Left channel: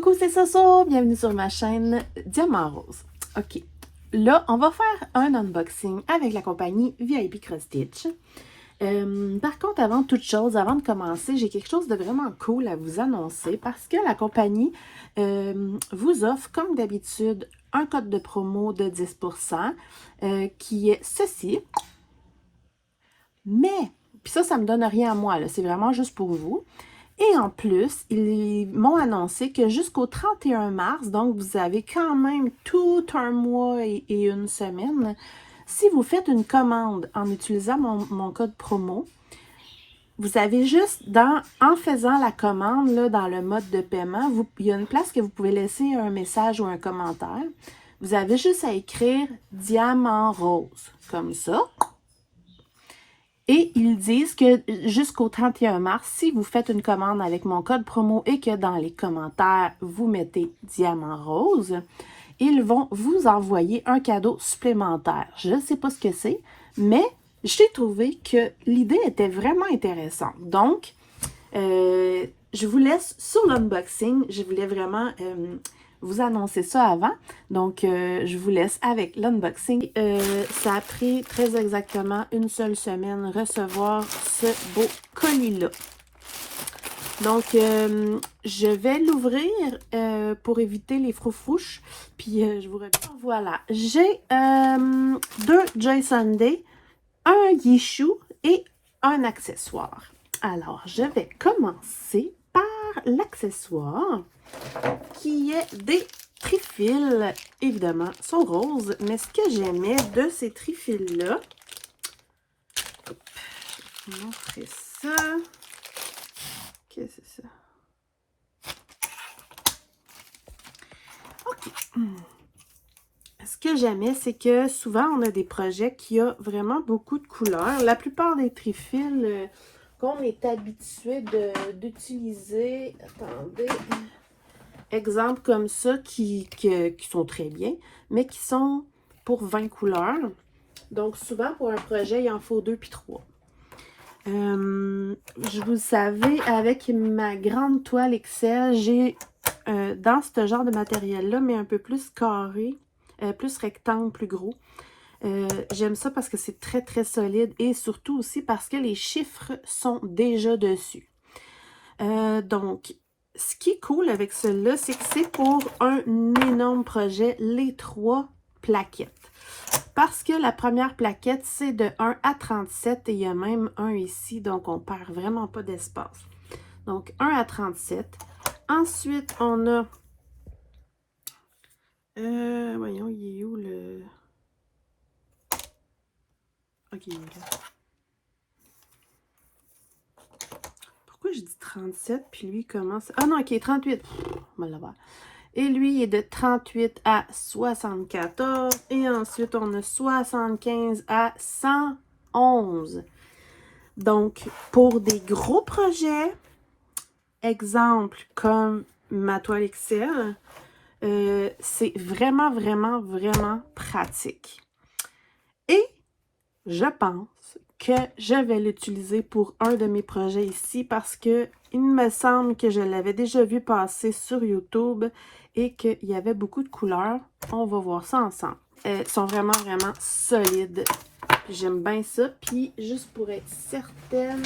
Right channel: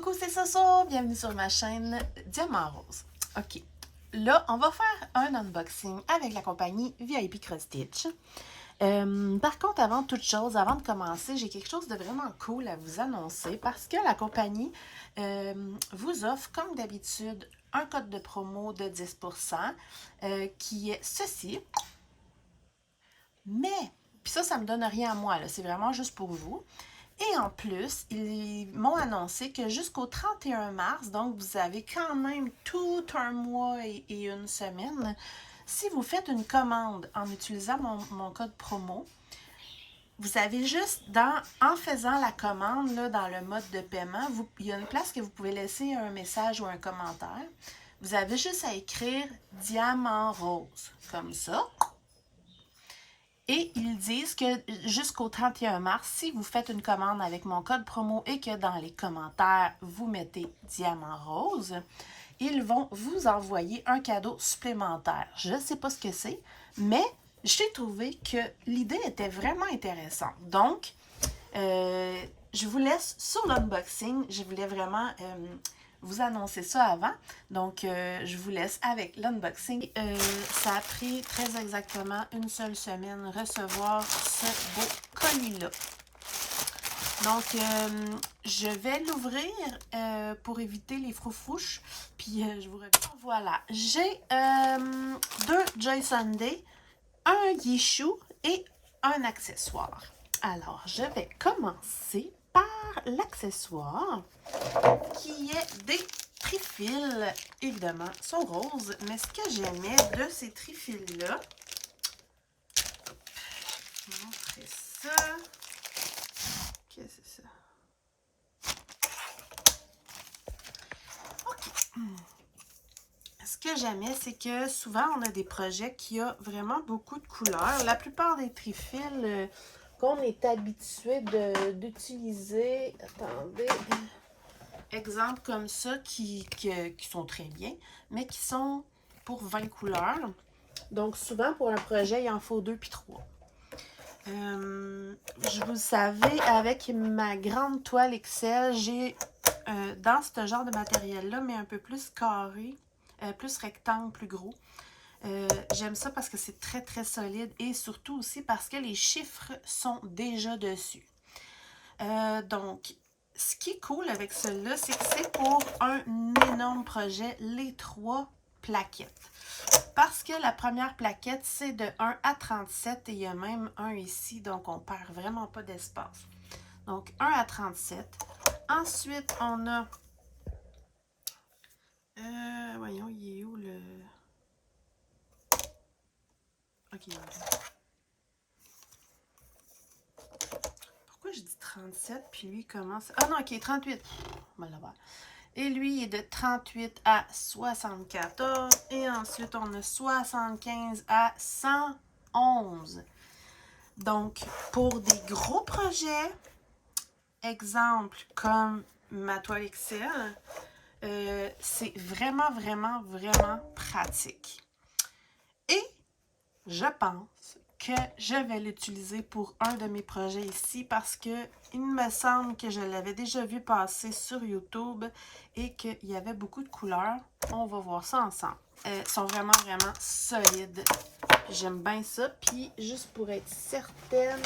Coucou, c'est Soso, bienvenue sur ma chaîne Diamant Rose. Ok, là, on va faire un unboxing avec la compagnie VIP Cross Stitch. Par contre, avant toute chose, avant de commencer, j'ai quelque chose de vraiment cool à vous annoncer parce que la compagnie vous offre, comme d'habitude, un code de promo de 10% qui est ceci. Mais, puis ça me donne rien à moi, c'est vraiment juste pour vous. Et en plus, ils m'ont annoncé que jusqu'au 31 mars, donc vous avez quand même tout un mois et une semaine, si vous faites une commande en utilisant mon code promo, vous avez juste, en faisant la commande, là, dans le mode de paiement, il y a une place que vous pouvez laisser un message ou un commentaire. Vous avez juste à écrire « Diamant Rose » comme ça. Et ils disent que jusqu'au 31 mars, si vous faites une commande avec mon code promo et que dans les commentaires, vous mettez Diamant Rose, ils vont vous envoyer un cadeau supplémentaire. Je ne sais pas ce que c'est, mais j'ai trouvé que l'idée était vraiment intéressante. Donc, je vous laisse sur l'unboxing. Je voulais vraiment vous annoncer ça avant. Donc, je vous laisse avec l'unboxing. Ça a pris très exactement une seule semaine recevoir ce beau colis-là. Donc, je vais l'ouvrir pour éviter les froufrouches. Puis, je vous reviens. Voilà, j'ai 2 Joy Sunday, un Yishu et un accessoire. Alors, je vais commencer par l'accessoire qui est des trifils. Évidemment, sont roses, mais ce que j'aimais de ces trifils-là, je vais vous montrer ça. Qu'est-ce que c'est ça? OK. Ce que j'aimais, c'est que souvent, on a des projets qui ont vraiment beaucoup de couleurs. La plupart des trifils qu'on est habitué d'utiliser, attendez, exemples comme ça qui sont très bien, mais qui sont pour 20 couleurs. Donc, souvent, pour un projet, il en faut 2 puis 3. Vous savez, avec ma grande toile Excel, j'ai dans ce genre de matériel-là, mais un peu plus carré, plus rectangle, plus gros. J'aime ça parce que c'est très, très solide et surtout aussi parce que les chiffres sont déjà dessus. Donc, ce qui est cool avec celui-là, c'est que c'est pour un énorme projet, les 3 plaquettes. Parce que la première plaquette, c'est de 1 à 37 et il y a même un ici, donc on perd vraiment pas d'espace. Donc, 1 à 37. Ensuite, on a... voyons, il est où le... OK, il est là. Pourquoi je dis 37, puis lui commence... Ah non, OK, 38. On va l'avoir. Et lui, il est de 38 à 74. Et ensuite, on a 75 à 111. Donc, pour des gros projets, exemple comme ma toile Excel, c'est vraiment, vraiment, vraiment pratique. Et je pense que je vais l'utiliser pour un de mes projets ici parce que il me semble que je l'avais déjà vu passer sur YouTube et qu'il y avait beaucoup de couleurs. On va voir ça ensemble. Elles sont vraiment, vraiment solides. J'aime bien ça. Puis, juste pour être certaine,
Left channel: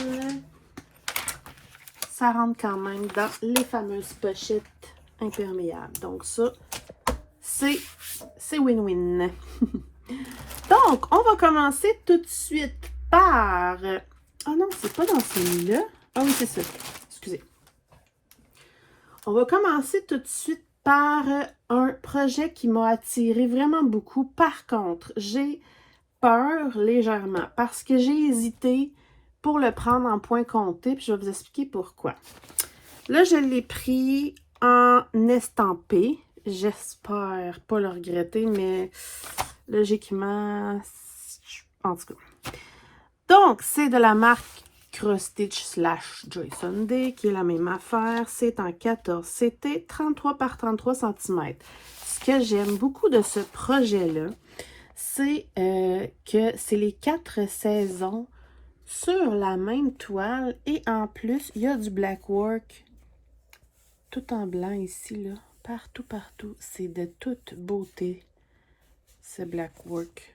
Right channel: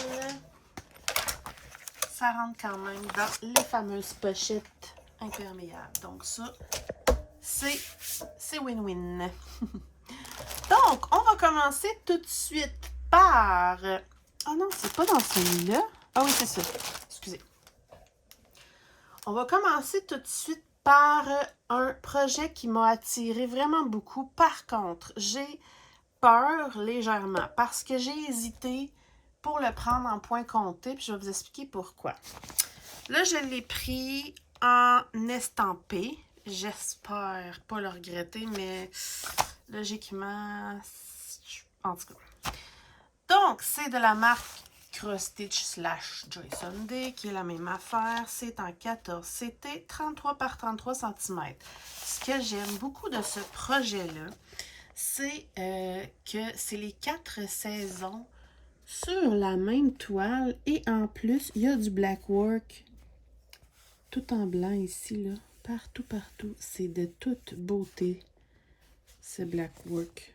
ça rentre quand même dans les fameuses pochettes imperméables. Donc ça, c'est win-win. Donc, on va commencer tout de suite par... Ah non, c'est pas dans celui-là. Ah oui, c'est ça. Excusez. On va commencer tout de suite par un projet qui m'a attiré vraiment beaucoup. Par contre, j'ai peur légèrement parce que j'ai hésité pour le prendre en point compté. Puis je vais vous expliquer pourquoi. Là, je l'ai pris en estampé. J'espère pas le regretter, mais logiquement, en tout cas. Donc, c'est de la marque Cross Stitch / Joy Sunday, qui est la même affaire. C'est en 14 CT, 33 par 33 cm. Ce que j'aime beaucoup de ce projet-là, c'est que c'est les 4 saisons sur la même toile. Et en plus, il y a du black work tout en blanc ici, là. Partout, partout. C'est de toute beauté, ce blackwork.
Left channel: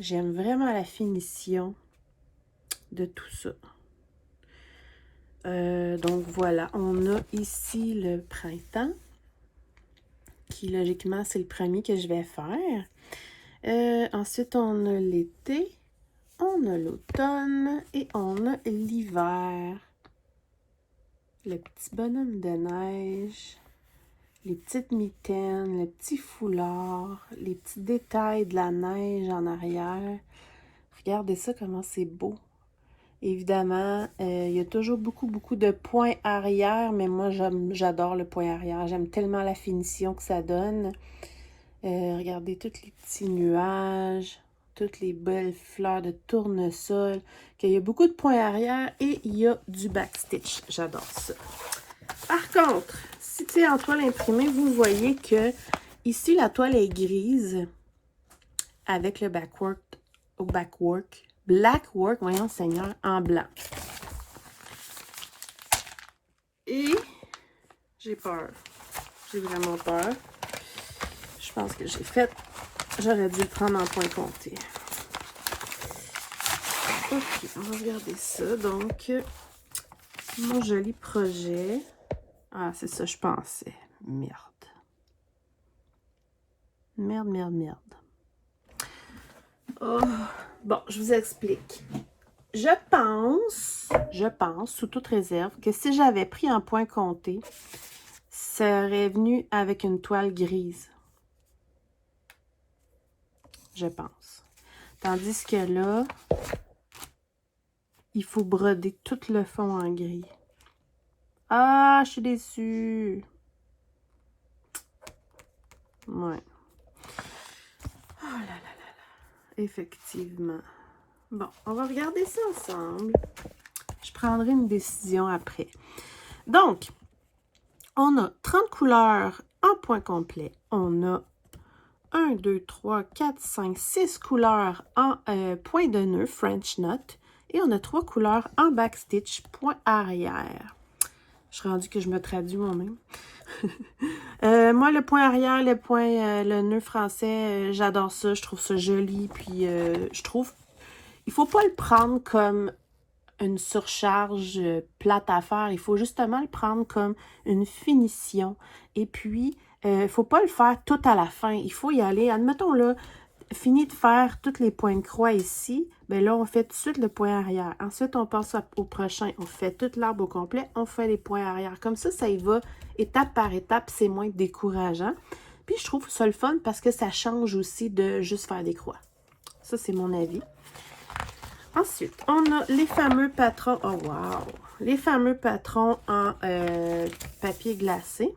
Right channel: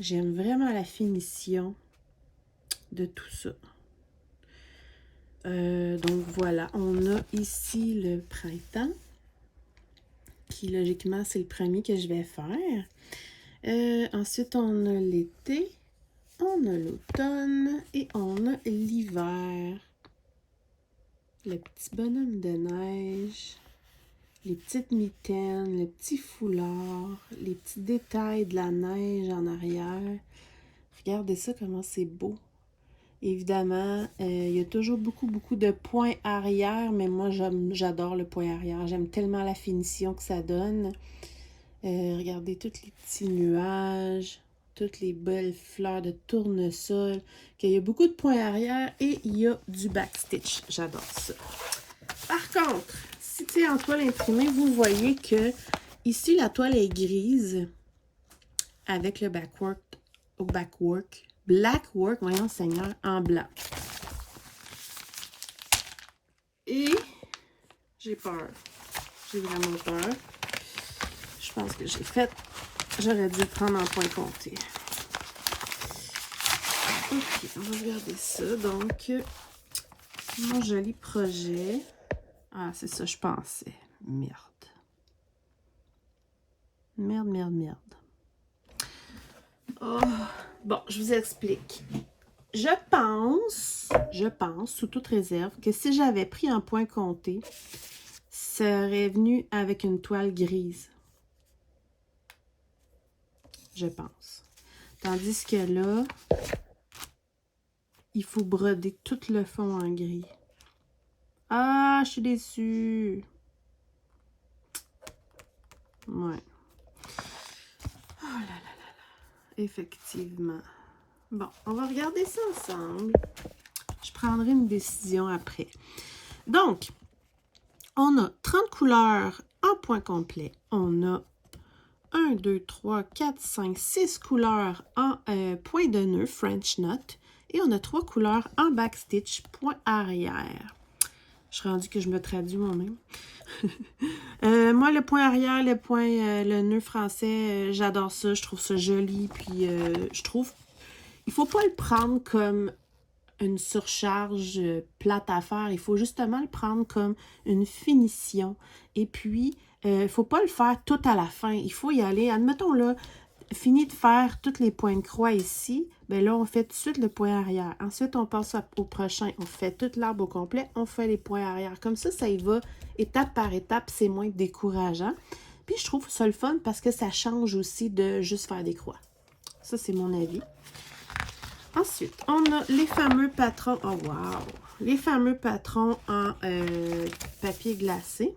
J'aime vraiment la finition de tout ça. Donc voilà, on a ici le printemps, qui logiquement c'est le premier que je vais faire. Ensuite, on a l'été, on a l'automne et on a l'hiver. Le petit bonhomme de neige, les petites mitaines, le petit foulard, les petits détails de la neige en arrière. Regardez ça, comment c'est beau. Évidemment, il y a toujours beaucoup de points arrière, mais moi, j'adore le point arrière. J'aime tellement la finition que ça donne. Regardez tous les petits nuages, toutes les belles fleurs de tournesol, qu'il y a beaucoup de points arrière et il y a du backstitch. J'adore ça. Par contre, si c'est en toile imprimée, vous voyez que ici, la toile est grise avec le blackwork, voyons Seigneur, en blanc. Et j'ai peur. J'ai vraiment peur. Je pense que j'aurais dû le prendre en point compté. Ok, on va regarder ça. Donc, mon joli projet. Ah, c'est ça, je pensais. Merde. Merde. Oh. Bon, je vous explique. Je pense, sous toute réserve, que si j'avais pris un point compté, ça aurait venu avec une toile grise. Je pense. Tandis que là, il faut broder tout le fond en gris. Ah, je suis déçue. Ouais. Oh là là là là. Effectivement. Bon, on va regarder ça ensemble. Je prendrai une décision après. Donc, on a 30 couleurs en point complet. On a 1, 2, 3, 4, 5, 6 couleurs en point de nœud, French knot. Et on a 3 couleurs en backstitch, point arrière. Je suis rendue que je me traduis moi-même. Moi, le point arrière, le nœud français, j'adore ça. Je trouve ça joli. Puis, je trouve, il faut pas le prendre comme une surcharge plate à faire. Il faut justement le prendre comme une finition. Et puis, il faut pas le faire tout à la fin. Il faut y aller, admettons là, fini de faire tous les points de croix ici, bien là, on fait tout de suite le point arrière. Ensuite, on passe au prochain. On fait tout l'arbre au complet, on fait les points arrière. Comme ça y va étape par étape, c'est moins décourageant. Puis, je trouve ça le fun parce que ça change aussi de juste faire des croix. Ça, c'est mon avis. Ensuite, on a les fameux patrons. Oh, wow! Les fameux patrons en papier glacé.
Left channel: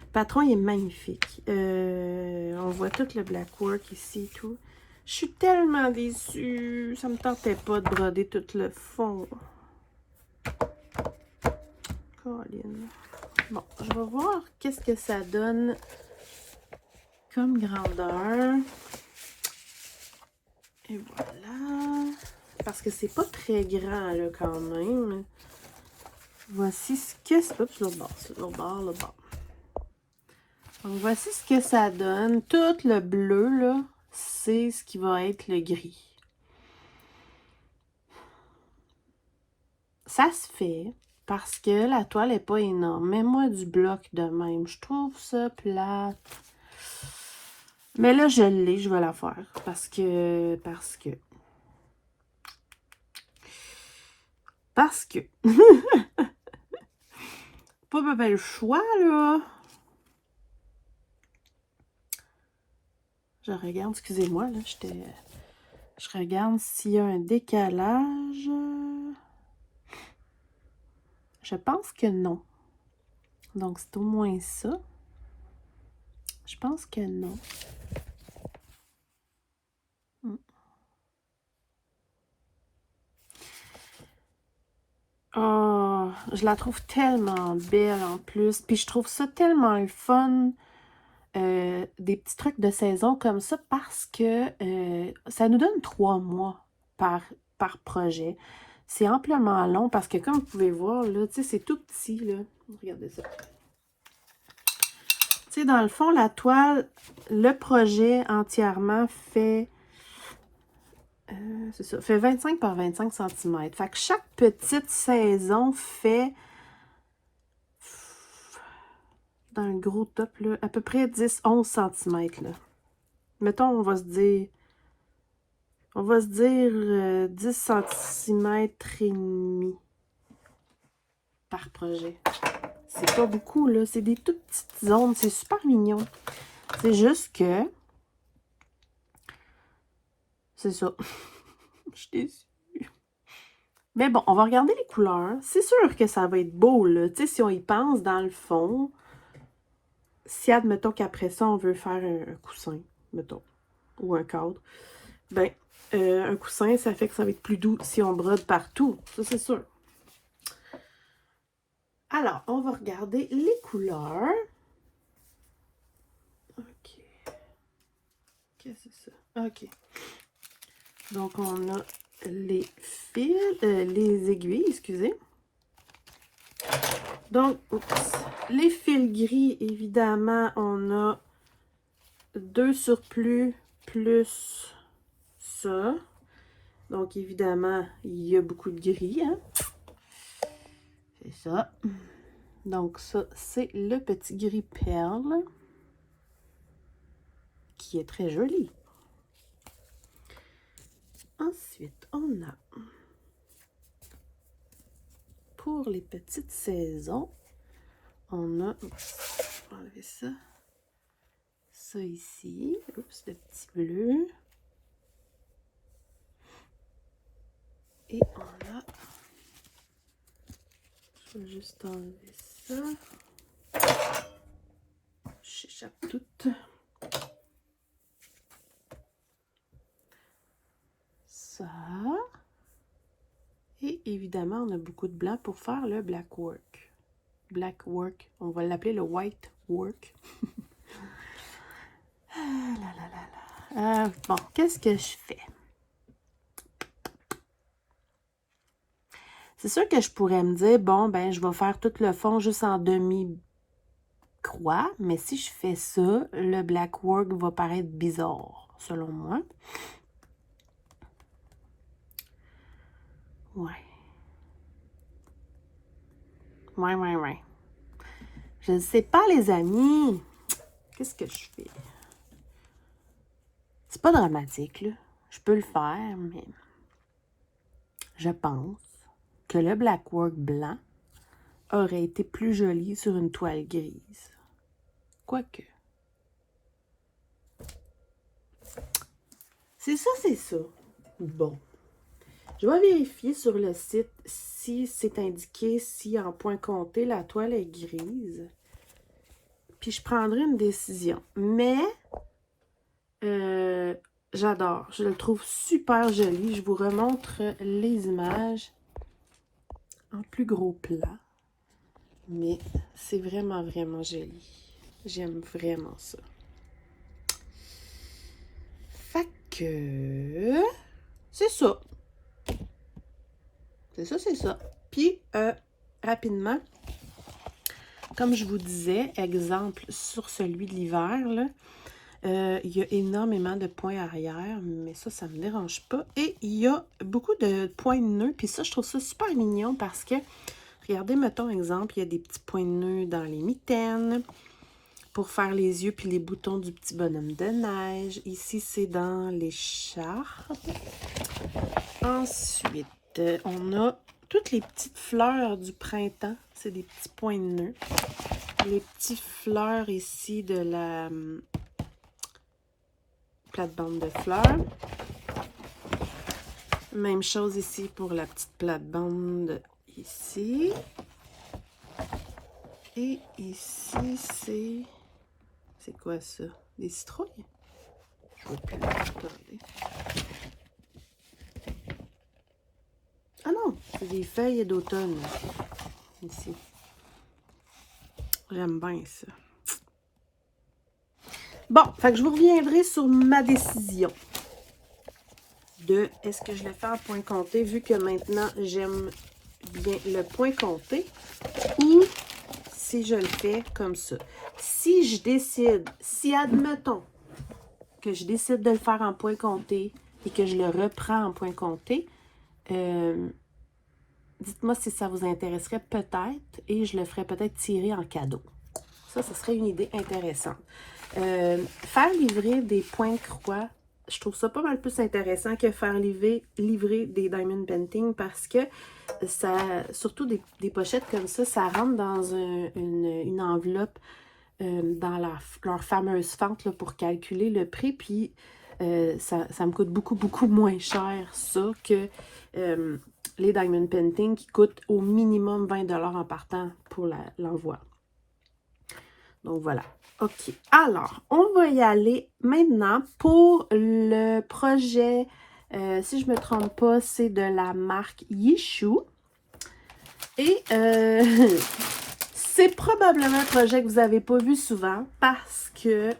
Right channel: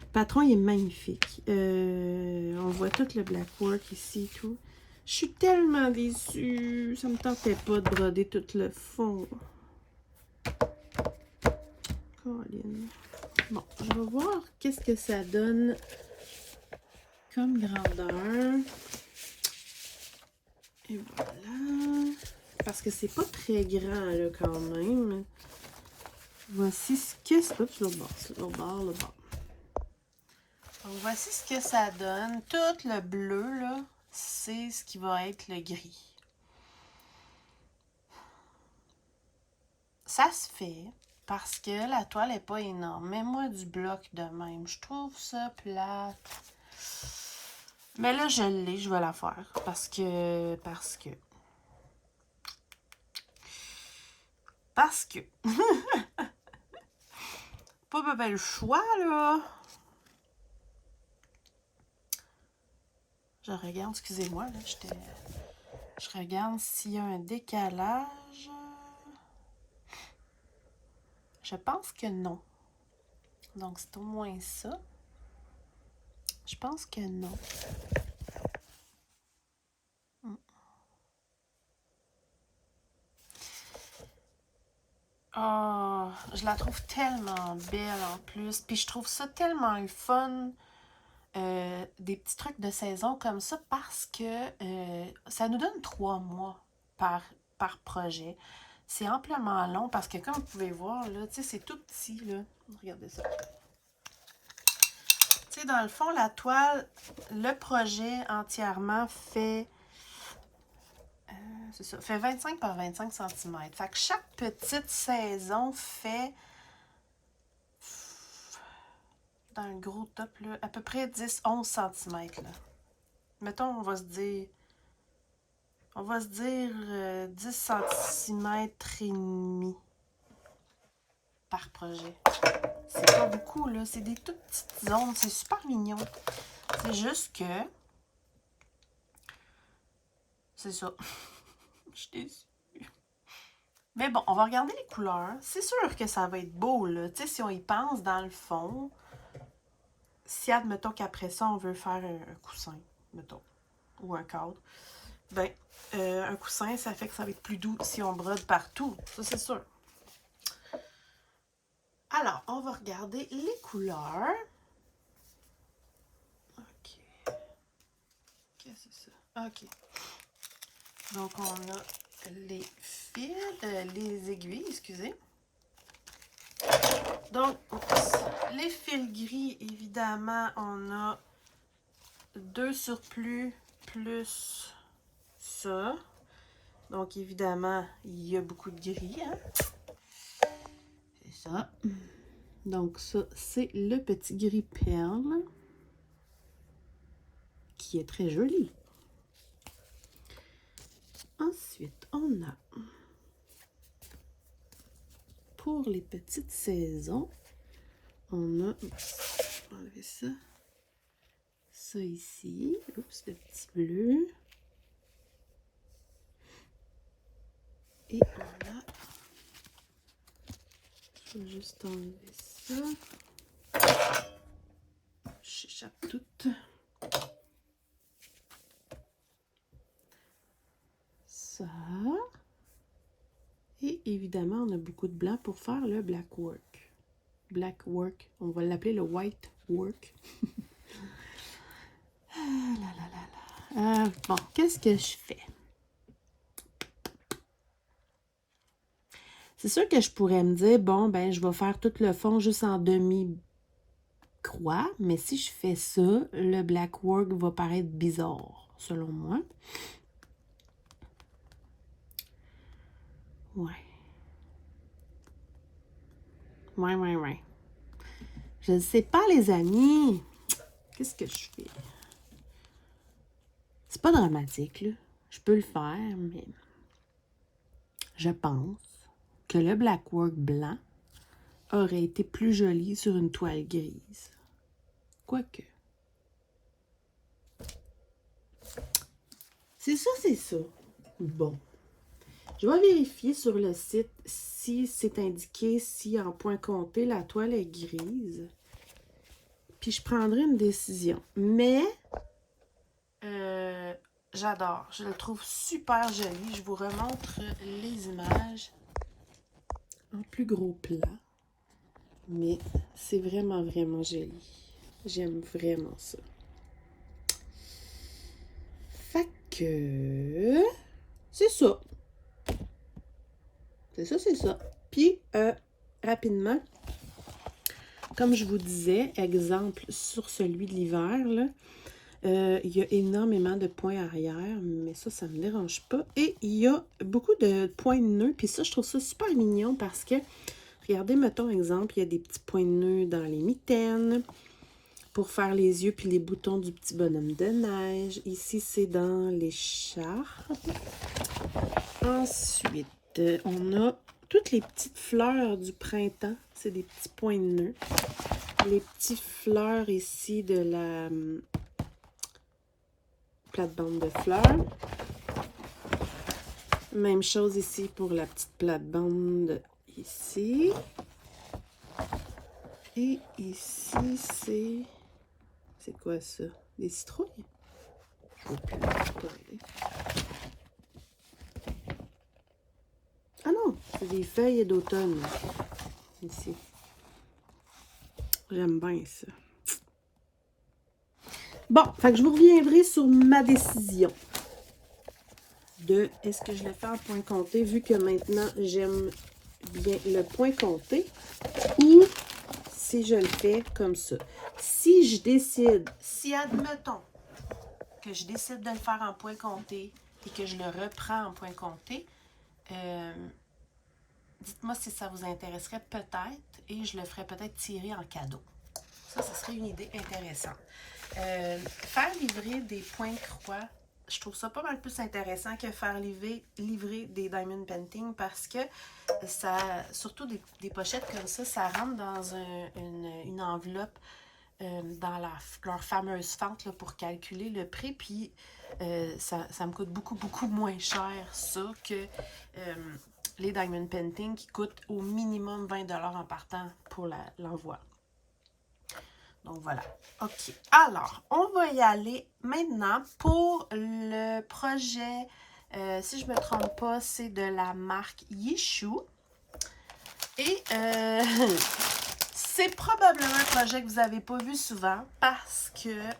Le patron, il est magnifique. On voit tout le blackwork ici et tout. Je suis tellement déçue. Ça me tentait pas de broder tout le fond. Colline. Bon, je vais voir qu'est-ce que ça donne comme grandeur. Et voilà. Parce que c'est pas très grand, là, quand même. Voici ce que... Oups, l'autre bord, l'autre bord. Donc, voici ce que ça donne. Tout le bleu, là, c'est ce qui va être le gris. Ça se fait parce que la toile n'est pas énorme. Mets-moi du bloc de même. Je trouve ça plate. Mais là, je l'ai. Je vais la faire. Parce que... Pas le choix, là. Je regarde, excusez-moi, là, je regarde s'il y a un décalage. Je pense que non. Donc, c'est au moins ça. Je pense que non. Oh, je la trouve tellement belle en plus. Puis je trouve ça tellement le fun. Des petits trucs de saison comme ça parce que ça nous donne 3 mois par projet. C'est amplement long parce que, comme vous pouvez voir, là, tu sais, c'est tout petit, là. Regardez ça. Tu sais, dans le fond, la toile, le projet entièrement fait... c'est ça, fait 25 par 25 cm. Fait que chaque petite saison fait... Dans le gros top, là, à peu près 10-11 cm, là. Mettons, on va se dire... 10 cm et demi par projet. C'est pas beaucoup, là. C'est des toutes petites zones. C'est super mignon. C'est juste que... C'est ça. Je suis déçue. Mais bon, on va regarder les couleurs. C'est sûr que ça va être beau, là. Tu sais, si on y pense, dans le fond, si, admettons qu'après ça, on veut faire un coussin, mettons, ou un cadre, ben, un coussin, ça fait que ça va être plus doux si on brode partout. Ça, c'est sûr. Alors, on va regarder les couleurs. OK. Qu'est-ce que c'est ça? OK. Donc, on a les fils, les aiguilles, excusez. Donc, les fils gris, évidemment, on a 2 surplus plus ça. Donc, évidemment, il y a beaucoup de gris, hein? C'est ça. Donc, ça, c'est le petit gris perle, qui est très joli. Ensuite, on a, pour les petites saisons, on a, oups, je vais enlever ça, ça ici, oups, le petit bleu, et on a, je vais juste enlever ça, j'échappe tout, ça, et évidemment, on a beaucoup de blanc pour faire le black work. Black work, on va l'appeler le white work. Ah là là là là. Bon, qu'est-ce que je fais? C'est sûr que je pourrais me dire, bon, ben, je vais faire tout le fond juste en demi-croix, mais si je fais ça, le black work va paraître bizarre, selon moi. Ouais. Ouais. Je ne sais pas, les amis. Qu'est-ce que je fais? C'est pas dramatique, là. Je peux le faire, mais je pense que le black work blanc aurait été plus joli sur une toile grise. Quoique. C'est ça. Bon. Je vais vérifier sur le site si c'est indiqué, si en point compté, la toile est grise. Puis je prendrai une décision. Mais, j'adore. Je le trouve super joli. Je vous remontre les images en plus gros plan. Mais c'est vraiment, vraiment joli. J'aime vraiment ça. Fait que... c'est ça. C'est ça. Puis, rapidement, comme je vous disais, exemple sur celui de l'hiver, là, il y a énormément de points arrière, mais ça me dérange pas. Et il y a beaucoup de points de nœuds, puis ça, je trouve ça super mignon parce que, regardez, mettons, exemple, il y a des petits points de nœuds dans les mitaines pour faire les yeux puis les boutons du petit bonhomme de neige. Ici, c'est dans l'écharpe. Ensuite, on a toutes les petites fleurs du printemps. C'est des petits points de nœuds. Les petites fleurs ici de la plate-bande de fleurs. Même chose ici pour la petite plate-bande ici. Et ici, c'est... c'est quoi ça? Des citrouilles? Je ne vois plus. Attendez. Ah non, c'est des feuilles d'automne. Ici. J'aime bien ça. Bon, fait que je vous reviendrai sur ma décision. de est-ce que je le fais en point compté, vu que maintenant j'aime bien le point compté, ou si je le fais comme ça. Si je décide, si admettons que je décide de le faire en point compté et que je le reprends en point compté, dites-moi si ça vous intéresserait peut-être et je le ferais peut-être tirer en cadeau. Ça, ce serait une idée intéressante. Faire livrer des points de croix, je trouve ça pas mal plus intéressant que faire livrer des diamond painting parce que ça, surtout des pochettes comme ça rentre dans une enveloppe dans leur fameuse fente là, pour calculer le prix. Puis ça me coûte beaucoup moins cher ça que les diamond painting qui coûtent au minimum 20$ en partant pour l'envoi. Donc voilà. OK. Alors, on va y aller maintenant pour le projet. Si je ne me trompe pas, c'est de la marque Yishu. Et c'est probablement un projet que vous n'avez pas vu souvent parce que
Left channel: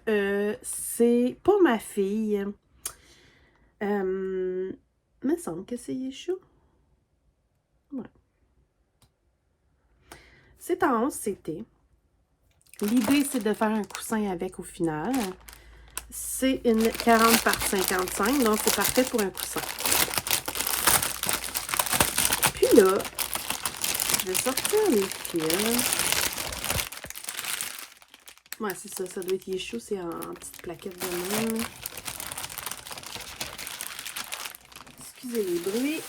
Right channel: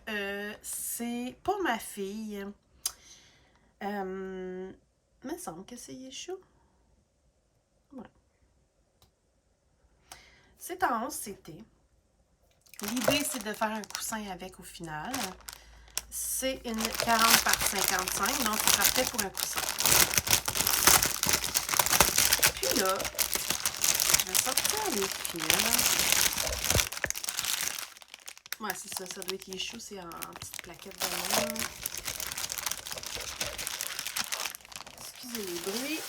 c'est pour ma fille. Il me semble que c'est Yishu. Ouais. C'est en 11 CT. L'idée, c'est de faire un coussin avec au final. C'est une 40 par 55, donc c'est parfait pour un coussin. Puis là, je vais sortir les fils. Ouais, c'est ça, ça doit être Yishu, c'est en petite plaquette de même. Excusez les bruits.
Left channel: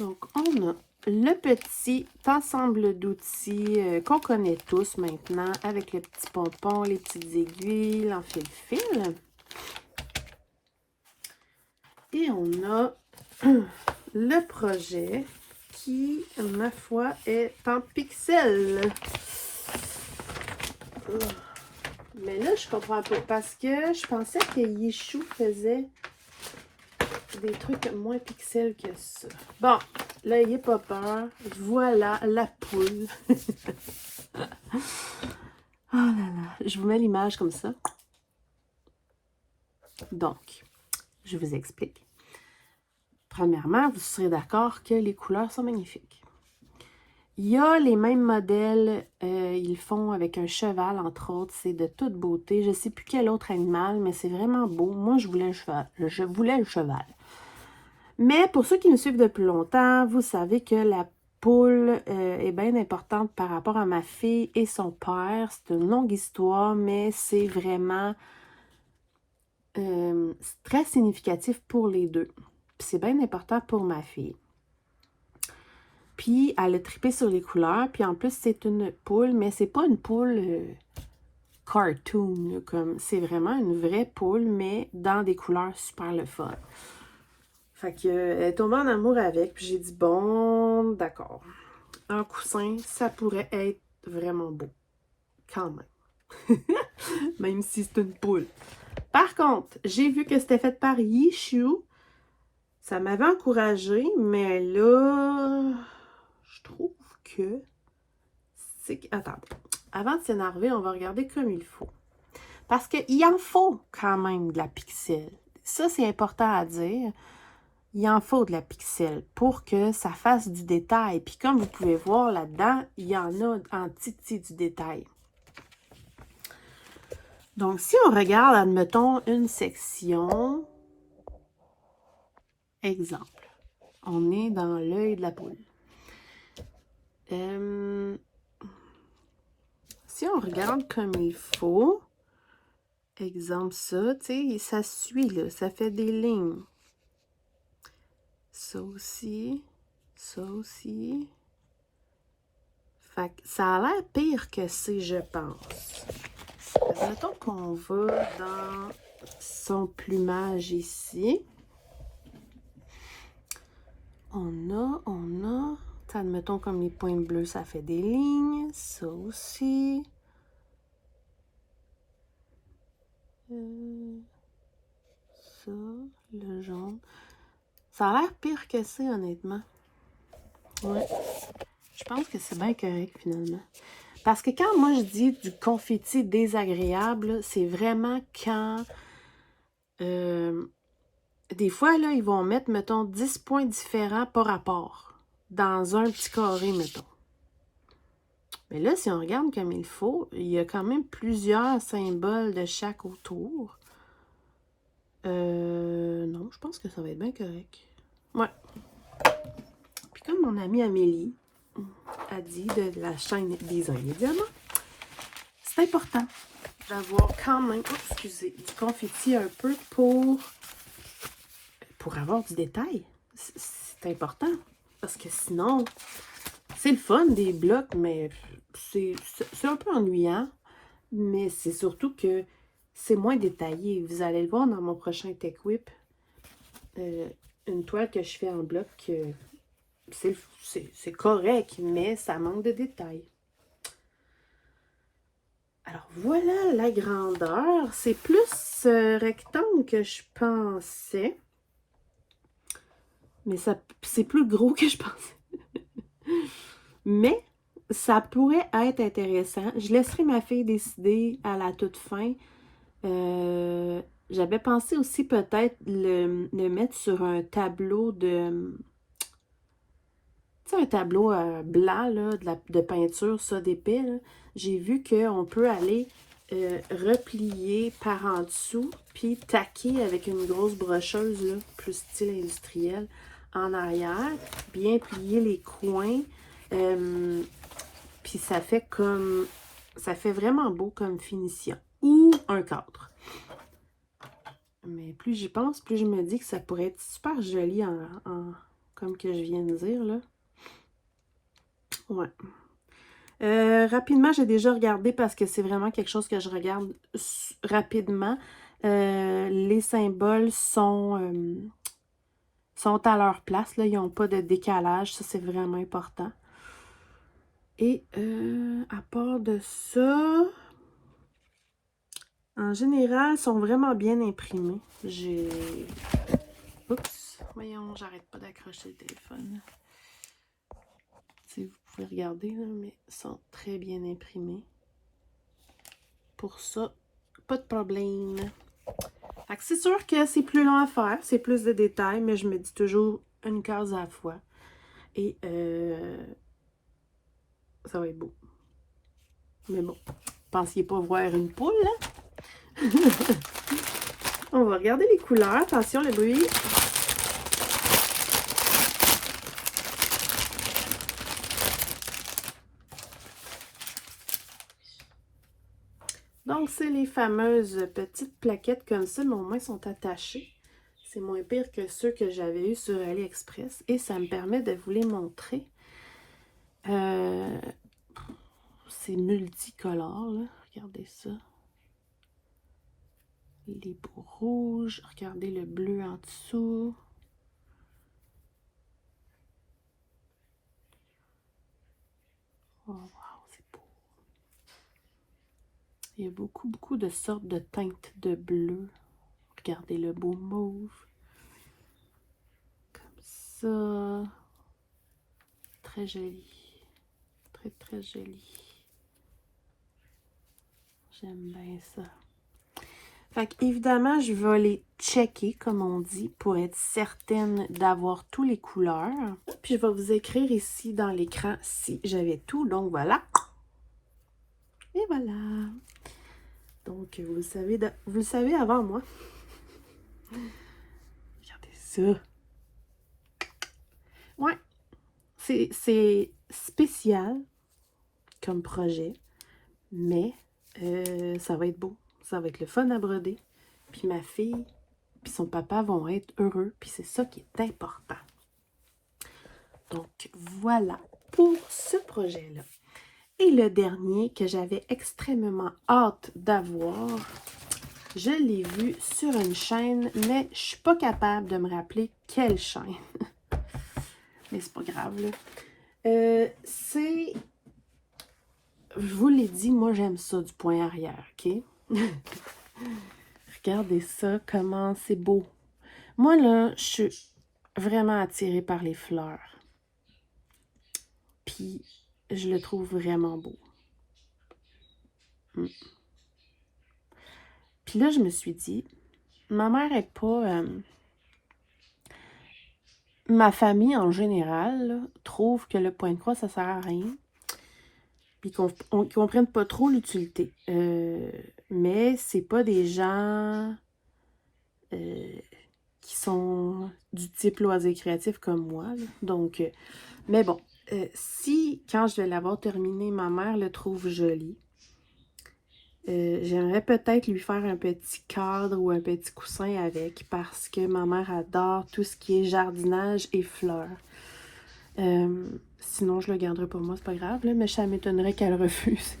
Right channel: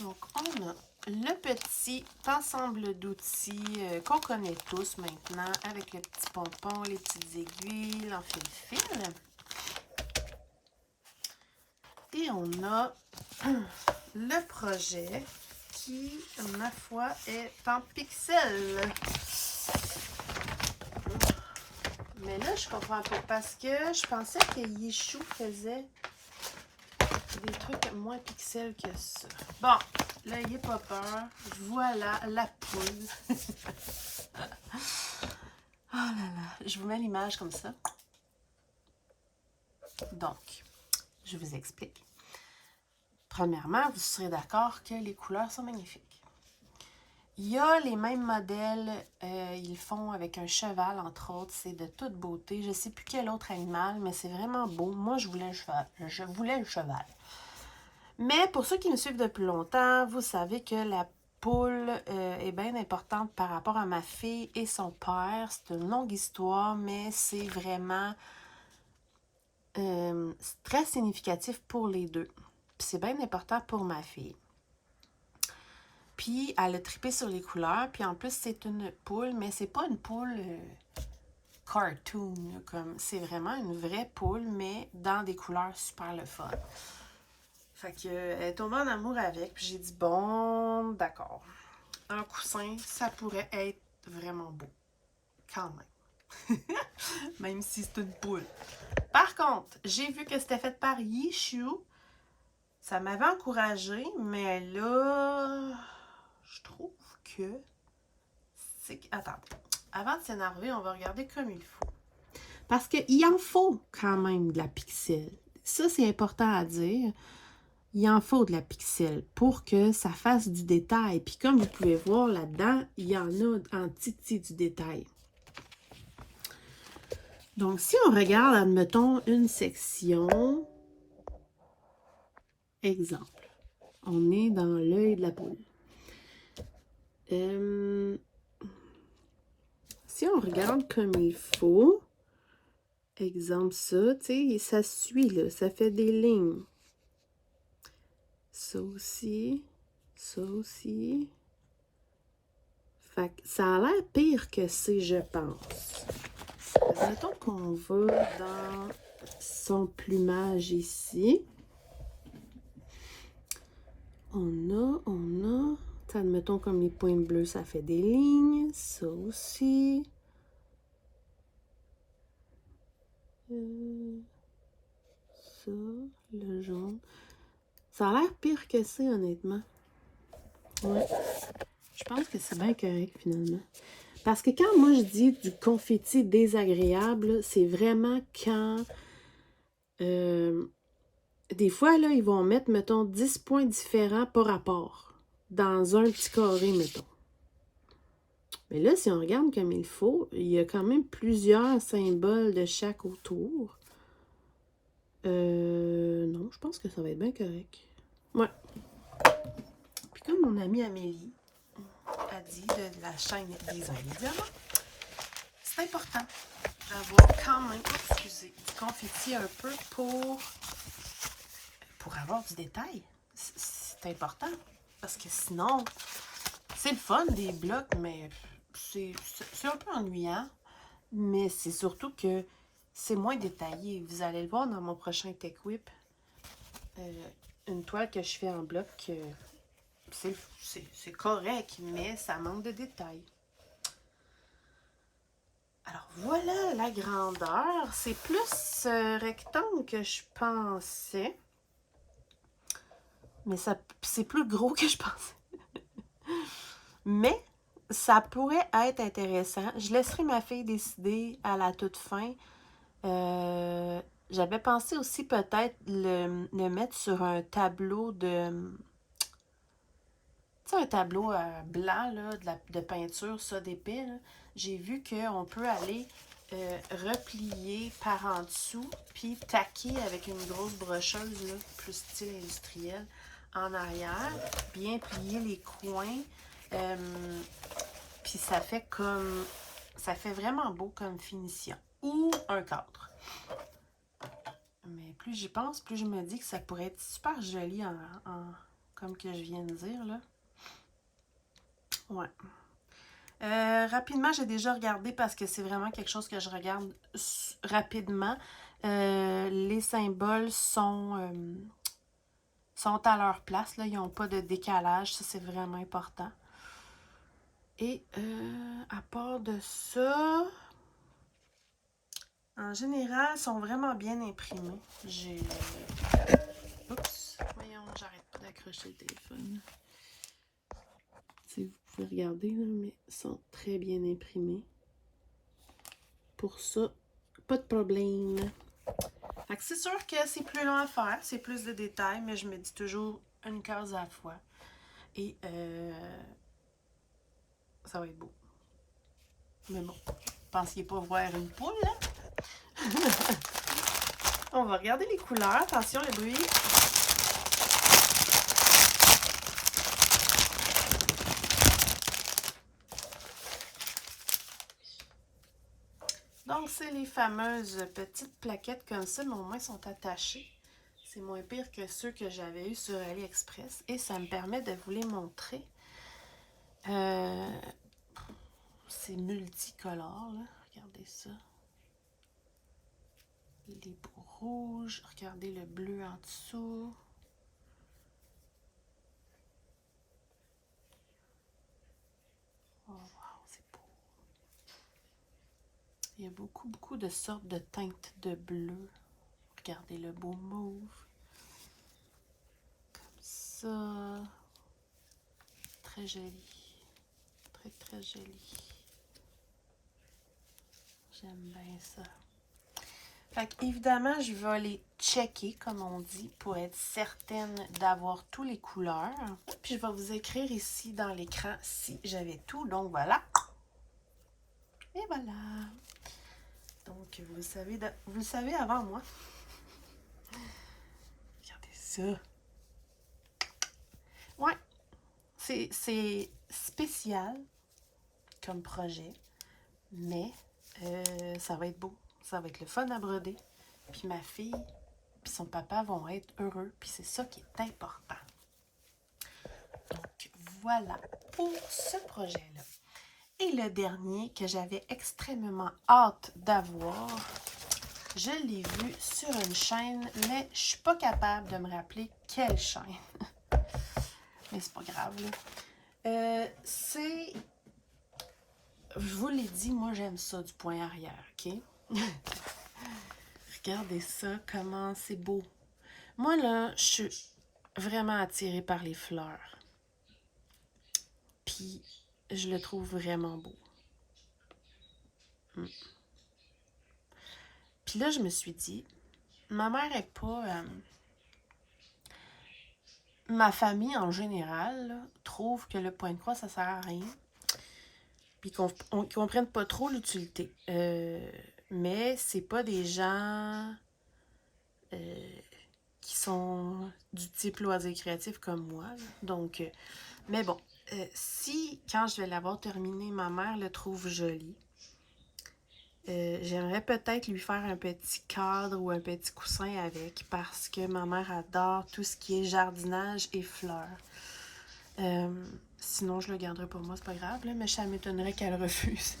Donc, on a le petit ensemble d'outils qu'on connaît tous maintenant, avec les petits pompons, les petites aiguilles, l'enfile-fil. Et on a le projet qui, ma foi, est en pixels. Mais là, je comprends pas parce que je pensais que Yishu faisait des trucs moins pixels que ça. Bon, là, n'ayez pas peur. Voilà la poule. Oh là là, je vous mets l'image comme ça. Donc, je vous explique. Premièrement, vous serez d'accord que les couleurs sont magnifiques. Il y a les mêmes modèles, ils font avec un cheval, entre autres. C'est de toute beauté. Je ne sais plus quel autre animal, mais c'est vraiment beau. Moi, je voulais le cheval. Je voulais le cheval. Mais pour ceux qui me suivent depuis longtemps, vous savez que la poule est bien importante par rapport à ma fille et son père. C'est une longue histoire, mais c'est vraiment très significatif pour les deux. Puis c'est bien important pour ma fille. Puis elle a trippé sur les couleurs. Puis en plus, c'est une poule, mais c'est pas une poule cartoon. Comme c'est vraiment une vraie poule, mais dans des couleurs super le fun. Fait qu'elle est tombée en amour avec, puis j'ai dit, bon, d'accord. Un coussin, ça pourrait être vraiment beau. Quand même. Même si c'est une poule. Par contre, j'ai vu que c'était fait par Yishu. Ça m'avait encouragée, mais là, je trouve que c'est... Attendez. Avant de s'énerver, on va regarder comme il faut. Parce qu'il en faut quand même de la pixel. Ça, c'est important à dire. Il en faut de la pixel pour que ça fasse du détail. Puis comme vous pouvez voir là-dedans, il y en a en titi du détail. Donc, si on regarde, admettons, une section, exemple, on est dans l'œil de la poule. Si on regarde comme il faut, exemple ça, tu sais, ça suit, là, ça fait des lignes. Ça aussi, ça aussi. Fait que ça a l'air pire que c'est, je pense. Mettons qu'on va dans son plumage ici. On a. Admettons comme les points bleus, ça fait des lignes. Ça aussi. Ça, le jaune. Ça a l'air pire que c'est, honnêtement. Ouais. Je pense que c'est bien correct, finalement. Parce que quand moi, je dis du confetti désagréable, c'est vraiment quand Des fois, là, ils vont mettre, mettons, 10 points différents par rapport dans un petit carré, mettons. Mais là, si on regarde comme il faut, il y a quand même plusieurs symboles de chaque autour. Non, je pense que ça va être bien correct. Ouais. Puis comme mon amie Amélie a dit de la chaîne Design et Diamant, c'est important d'avoir quand même, excusez, du confetti un peu pour avoir du détail. C'est important. Parce que sinon, c'est le fun des blocs, mais c'est un peu ennuyant. Mais c'est surtout que c'est moins détaillé. Vous allez le voir dans mon prochain Tech Whip. Une toile que je fais en bloc, c'est correct, mais ça manque de détails. Alors voilà la grandeur. C'est plus rectangle que je pensais. Mais c'est plus gros que je pensais. Mais ça pourrait être intéressant. Je laisserai ma fille décider à la toute fin. J'avais pensé aussi peut-être le mettre sur un tableau de... Tu sais, un tableau blanc là, de peinture, ça, d'épais. J'ai vu qu'on peut aller replier par en dessous, puis taquer avec une grosse brocheuse, là, plus style industriel, en arrière, bien plier les coins. Puis ça fait comme... Ça fait vraiment beau comme finition. Ou un cadre. Mais plus j'y pense, plus je me dis que ça pourrait être super joli comme que je viens de dire, là. Ouais. Rapidement, j'ai déjà regardé parce que c'est vraiment quelque chose que je regarde rapidement. Les symboles sont à leur place, là. Ils n'ont pas de décalage. Ça, c'est vraiment important. Et à part de ça, en général, ils sont vraiment bien imprimés. Oups! Voyons, j'arrête pas d'accrocher le téléphone. Si vous pouvez regarder, là, mais ils sont très bien imprimés. Pour ça, pas de problème. Fait que c'est sûr que c'est plus long à faire, c'est plus de détails, mais je me dis toujours une case à la fois. Et ça va être beau. Mais bon, pensiez pas voir une poule, hein? On va regarder les couleurs. Attention, le bruit. Donc, c'est les fameuses petites plaquettes comme ça, mais au moins sont attachées. C'est moins pire que ceux que j'avais eu sur AliExpress. Et ça me permet de vous les montrer. C'est multicolore, là. Regardez ça. Les bouts rouges. Regardez le bleu en dessous. Oh, wow, c'est beau. Il y a beaucoup de sortes de teintes de bleu. Regardez le beau mauve. Comme ça. Très joli. Très joli. J'aime bien ça. Fait qu'évidemment, je vais les checker, comme on dit, pour être certaine d'avoir tous les couleurs. Puis je vais vous écrire ici dans l'écran si j'avais tout. Donc voilà. Et voilà. Donc, vous le savez avant moi. Regardez ça. Ouais. C'est spécial comme projet, mais ça va être beau. Ça va être le fun à broder. Puis ma fille puis son papa vont être heureux. Puis c'est ça qui est important. Donc, voilà pour ce projet-là. Et le dernier que j'avais extrêmement hâte d'avoir, je l'ai vu sur une chaîne, mais je ne suis pas capable de me rappeler quelle chaîne. Mais c'est pas grave, là. C'est... Je vous l'ai dit, moi j'aime ça du point arrière, ok? Regardez ça, comment c'est beau. Moi, là, je suis vraiment attirée par les fleurs. Puis, je le trouve vraiment beau. Puis là, je me suis dit, ma mère est pas... ma famille, en général, là, trouve que le point de croix, ça sert à rien. Puis qu'ils comprennent pas trop l'utilité. Mais c'est pas des gens qui sont du type loisir créatif comme moi. Là. Donc, mais bon, si, quand je vais l'avoir terminé, ma mère le trouve joli, j'aimerais peut-être lui faire un petit cadre ou un petit coussin avec parce que ma mère adore tout ce qui est jardinage et fleurs. Sinon, je le garderai pour moi, c'est pas grave, là, mais ça m'étonnerait qu'elle refuse.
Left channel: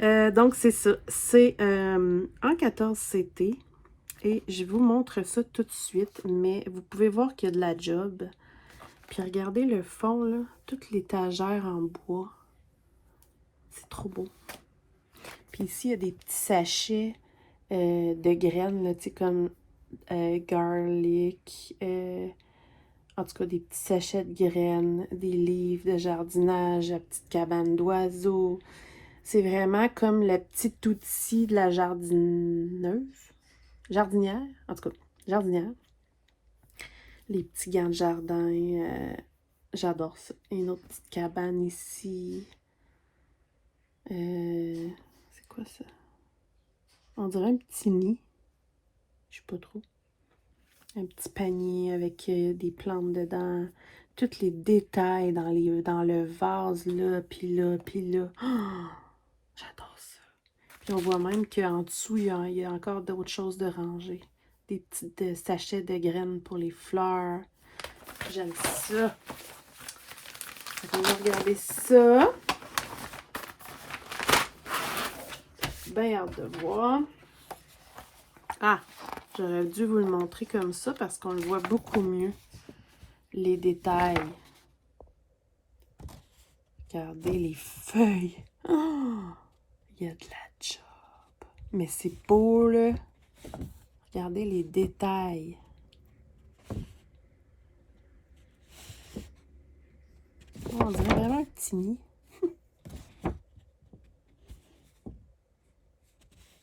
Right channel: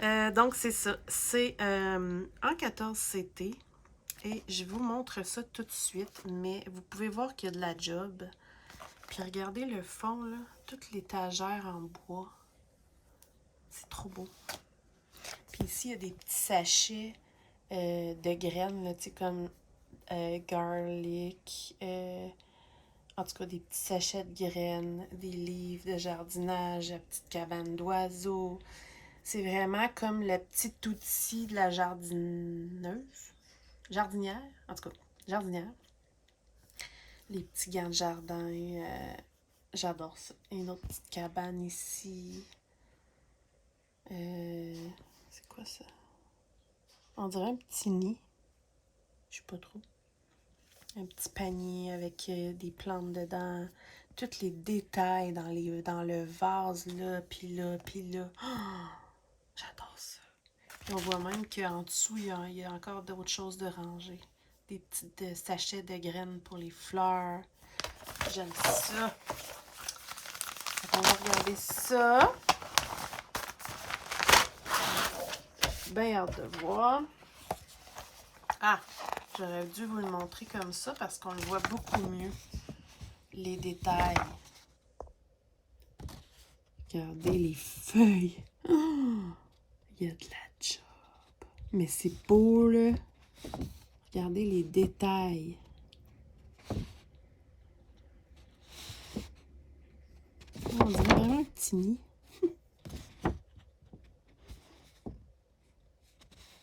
Donc, c'est ça. C'est en 14 CT. Et je vous montre ça tout de suite, mais vous pouvez voir qu'il y a de la job. Puis regardez le fond, là, toute l'étagère en bois. C'est trop beau. Puis ici, il y a des petits sachets de graines, là, tu sais, comme garlic, en tout cas, des petits sachets de graines, des livres de jardinage, la petite cabane d'oiseaux. C'est vraiment comme le petit outil de la jardineuse. Jardinière, en tout cas, jardinière. Les petits gants de jardin, j'adore ça. Et une autre petite cabane ici. C'est quoi ça? On dirait un petit nid. Je sais pas trop. Un petit panier avec des plantes dedans. Tous les détails dans le vase, là, puis là, puis là. Oh, j'adore ça. Puis on voit même qu'en dessous, il y a encore d'autres choses de ranger. Des petits sachets de graines pour les fleurs. J'aime ça. On va regarder ça. Bien hâte de voir. Ah, j'aurais dû vous le montrer comme ça parce qu'on le voit beaucoup mieux. Les détails. Regardez les feuilles. Oh, il y a de la job. Mais c'est beau, là. Regardez les détails. Oh, on dirait vraiment un petit nid.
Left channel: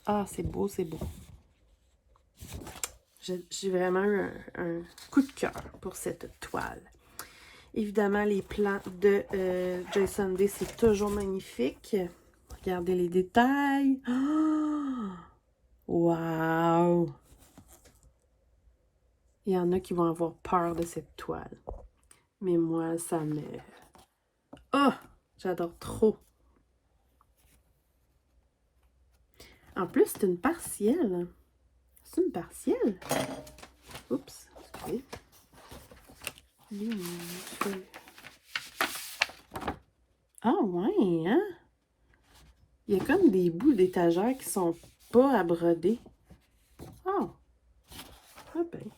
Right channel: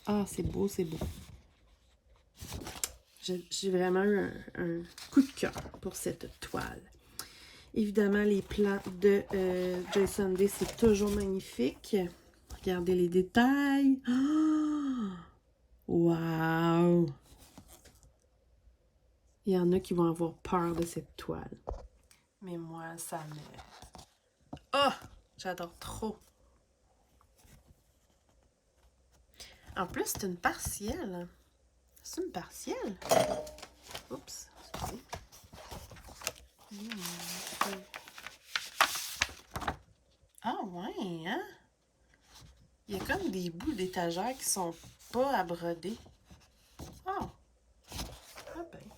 Ah, c'est beau, c'est beau. J'ai vraiment eu un coup de cœur pour cette toile. Évidemment, les plans de Joy Sunday, c'est toujours magnifique. Regardez les détails. Oh! Wow! Il y en a qui vont avoir peur de cette toile. Mais moi, ça me... Oh! J'adore trop. En plus, c'est une partielle. C'est une partielle? Oups, excusez. Ah ouais, hein? Il y a comme des bouts d'étagère qui sont pas à broder. Oh! Ah ben.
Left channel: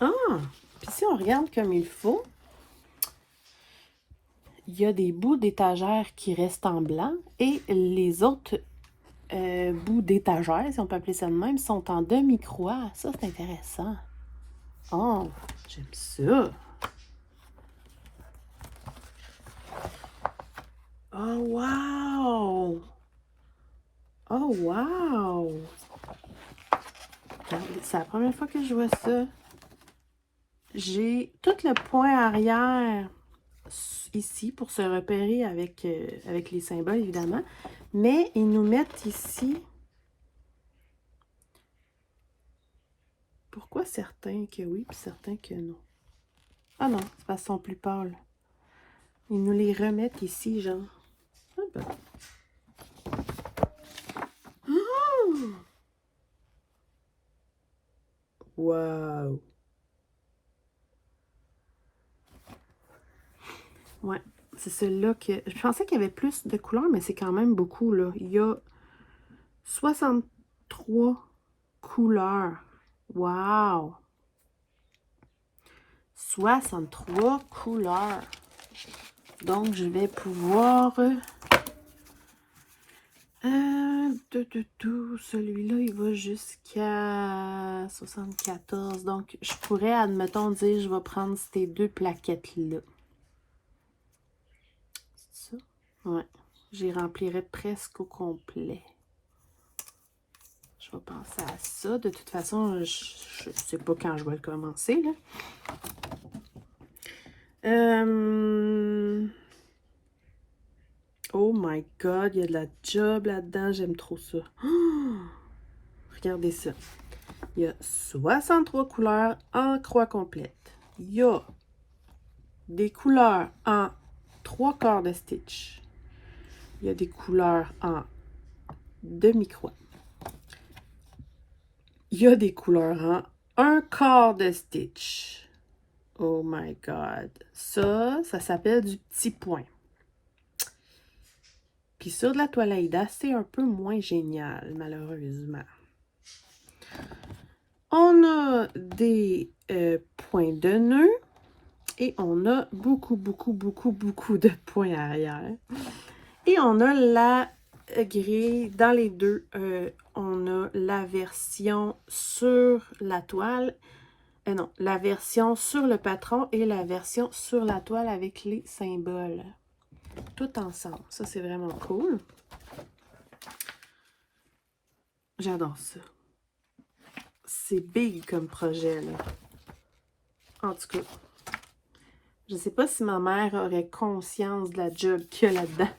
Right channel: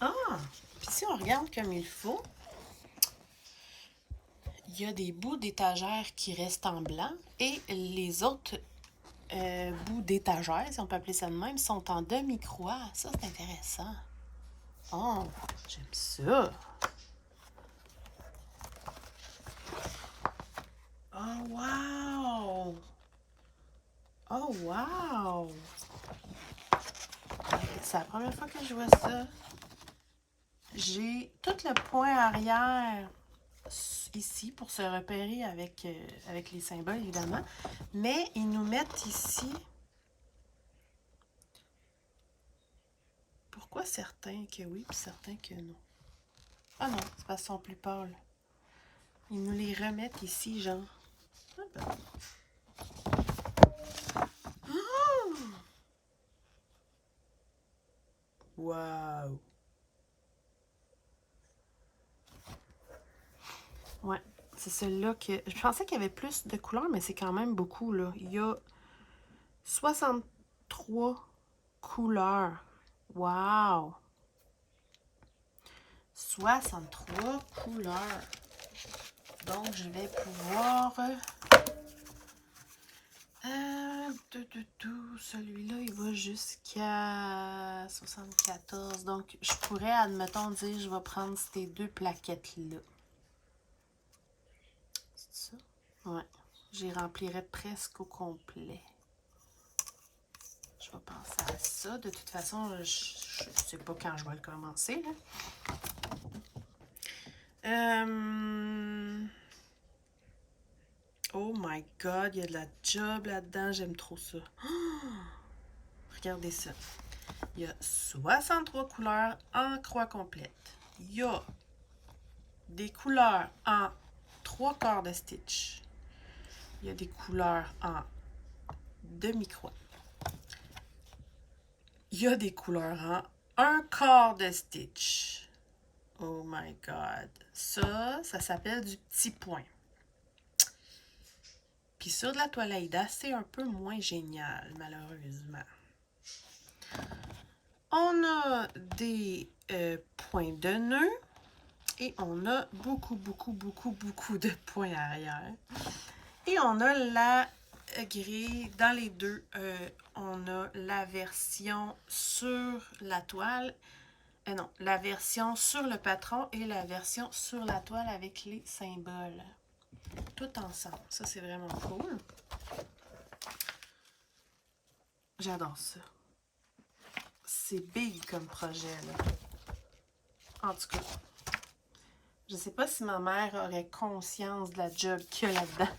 Ah! Puis si on regarde comme il faut, il y a des bouts d'étagère qui restent en blanc et les autres bouts d'étagère, si on peut appeler ça de même, sont en demi-croix. Ça, c'est intéressant. Oh! J'aime ça! Oh, wow! Oh, wow! C'est la première fois que je vois ça. J'ai tout le point arrière ici pour se repérer avec, avec les symboles, évidemment. Mais ils nous mettent ici... Pourquoi certains que oui, puis certains que non? Ah non, c'est parce qu'ils sont plus pâles. Ils nous les remettent ici, genre. Ah ben. Oh! Wow! Ouais, c'est celle-là que... Je pensais qu'il y avait plus de couleurs, mais c'est quand même beaucoup, là. Il y a 63 couleurs. Wow! 63 couleurs. Donc, je vais pouvoir... Celui-là, il va jusqu'à 74. Donc, je pourrais, admettons, dire, je vais prendre ces deux plaquettes-là. C'est ça? Ouais. J'y remplirais presque au complet. vais penser à ça. De toute façon, je ne sais pas quand je vais le commencer, là. Oh my God, il y a de la job là-dedans. J'aime trop ça. Oh, regardez ça. Il y a 63 couleurs en croix complète. Il y a des couleurs en 3 quarts de stitch. Il y a des couleurs en demi-croix. Il y a des couleurs en 1 quart de stitch. Oh my God. Ça s'appelle du petit point. Puis sur de la toile Aïda, c'est un peu moins génial, malheureusement. On a des points de nœud et on a beaucoup de points arrière. Et on a la grille, dans les deux, on a la version sur la toile, non, la version sur le patron et la version sur la toile avec les symboles. Tout ensemble. Ça, c'est vraiment cool. J'adore ça. C'est big comme projet, là. En tout cas, je sais pas si ma mère aurait conscience de la job qu'il y a là-dedans.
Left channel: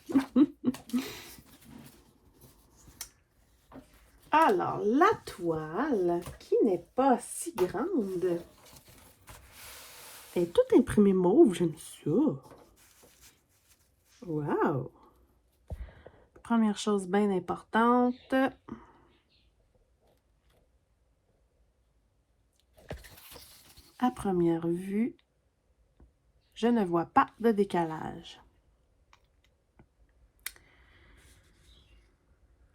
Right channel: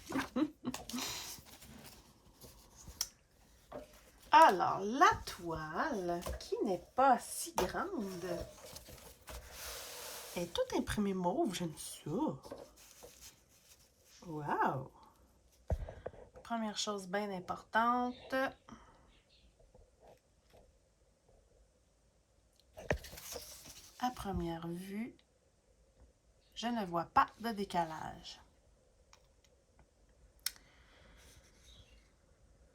Alors, la toile, qui n'est pas si grande, est toute imprimée mauve. J'aime ça. Wow! Première chose bien importante. À première vue, je ne vois pas de décalage.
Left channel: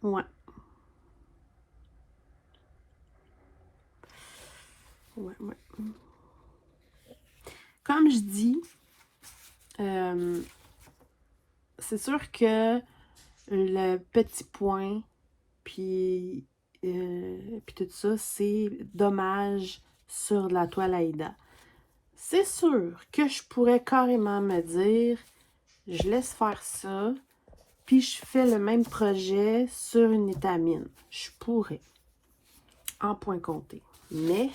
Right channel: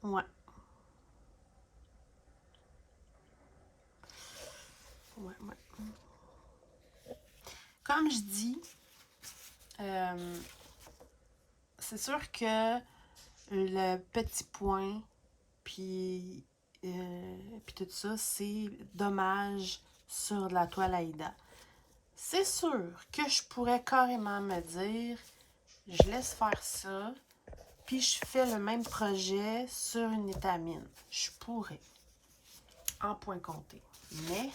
Ouais. Ouais. Comme je dis, c'est sûr que le petit point, puis tout ça, c'est dommage sur la toile Aïda. C'est sûr que je pourrais carrément me dire, je laisse faire ça, puis je fais le même projet sur une étamine. Je pourrais, en point compté. Mais,